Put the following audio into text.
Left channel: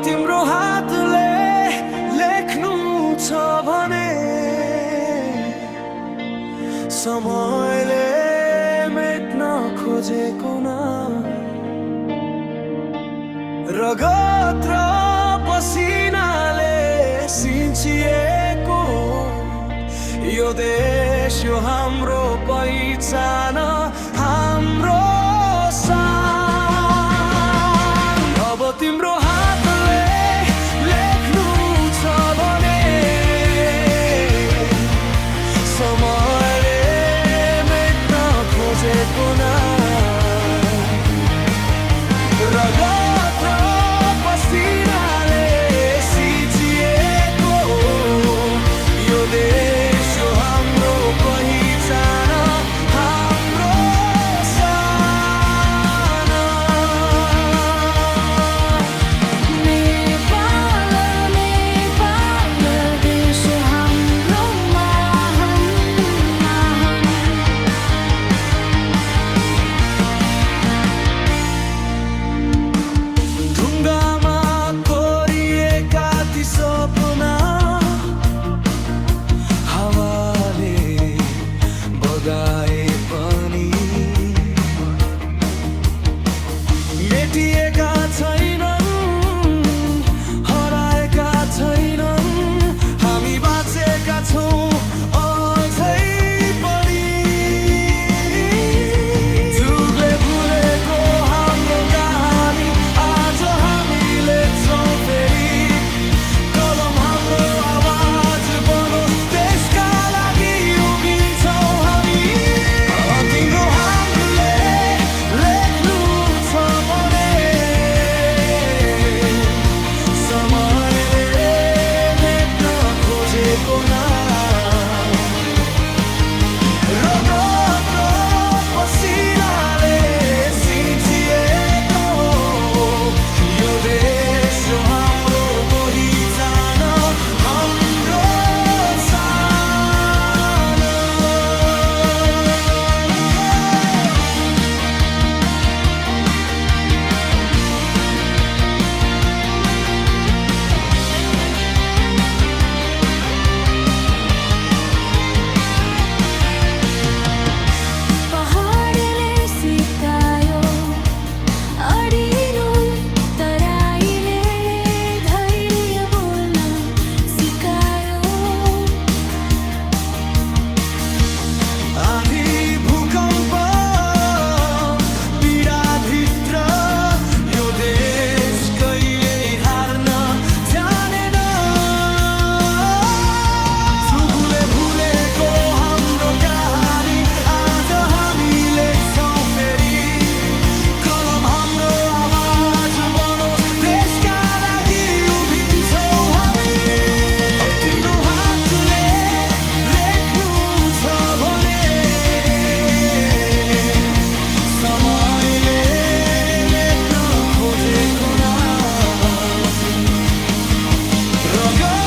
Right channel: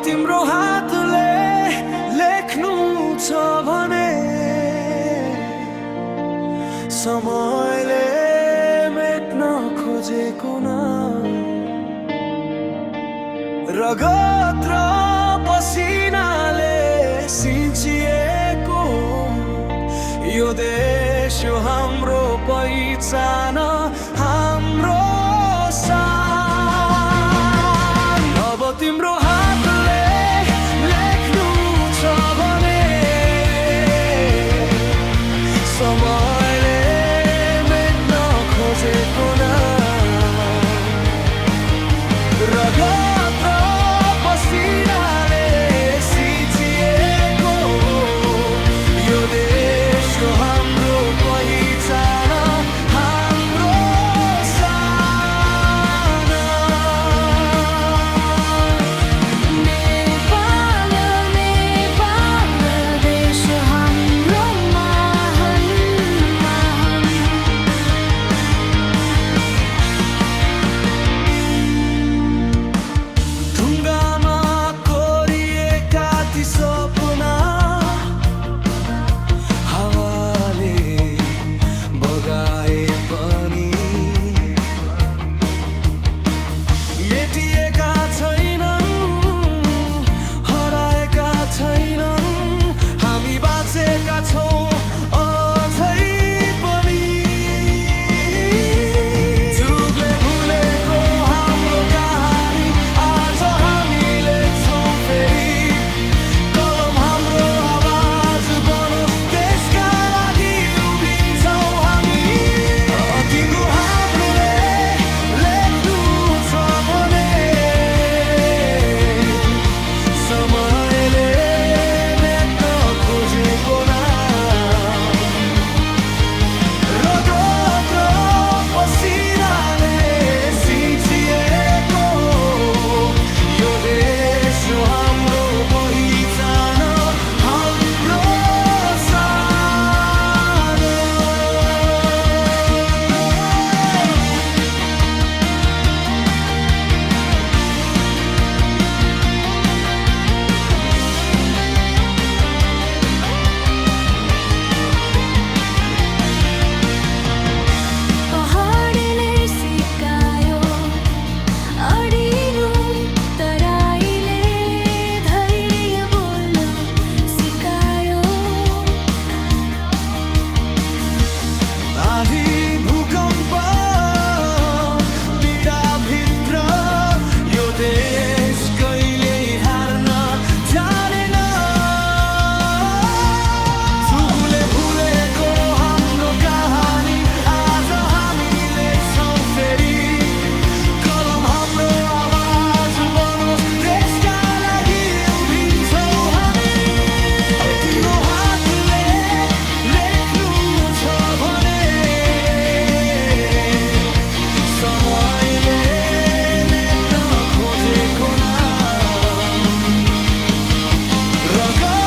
तिम्रो हातले लेख्नु छ भने समयले मेट्न खोजेको नाम रगत र पसिनाले सिंचिएको यो देश यो हाम्रो पहिचान हाम्रो शान। अब तिम्रो हातले लेख्नु छ भने समयले मेट्न खोजेको नाम रगत र पसिनाले सिंचिएको यो देश यो हाम्रो पहिचान हाम्रो शान। नेपाल नेपाल देश हाम्रो महान महान। ढुङ्गामा कोरिएका ती सपना हावाले बगाए पनि मेटिएका छैनन् हराएका छैनन् हामी बाँचेका छौँ अझै पनि। जुगले भुलेको हाम्रो कहानी आज हामी लेख्छौँ फेरि कलम हाम्रो आवाज बनोस् देशका लागि उभिन्छौँ हामी। तिम्रो हातले लेख्नु छ भने समयले मेट्न खोजेको नाम रगत र पसिनाले सिंचिएको यो देश यो हाम्रो पहिचान हाम्रो शान। पहाडले सिकायो अडिनु तराईले धैर्य बोल्न सिकायो। आँधी भूकम्प पीडाभित्र यो देश कहिल्यै हार्न जानेन। सुगुले भुलेको हाम्रो कहानी आज हामी लेख्छौँ फेरि कलम हाम्रो आवाज बनोस् देशका लागि उभिन्छौँ हामी। तिम्रो हातले लेख्नु छ भने समयले मेट्न खोजेको नाम रगत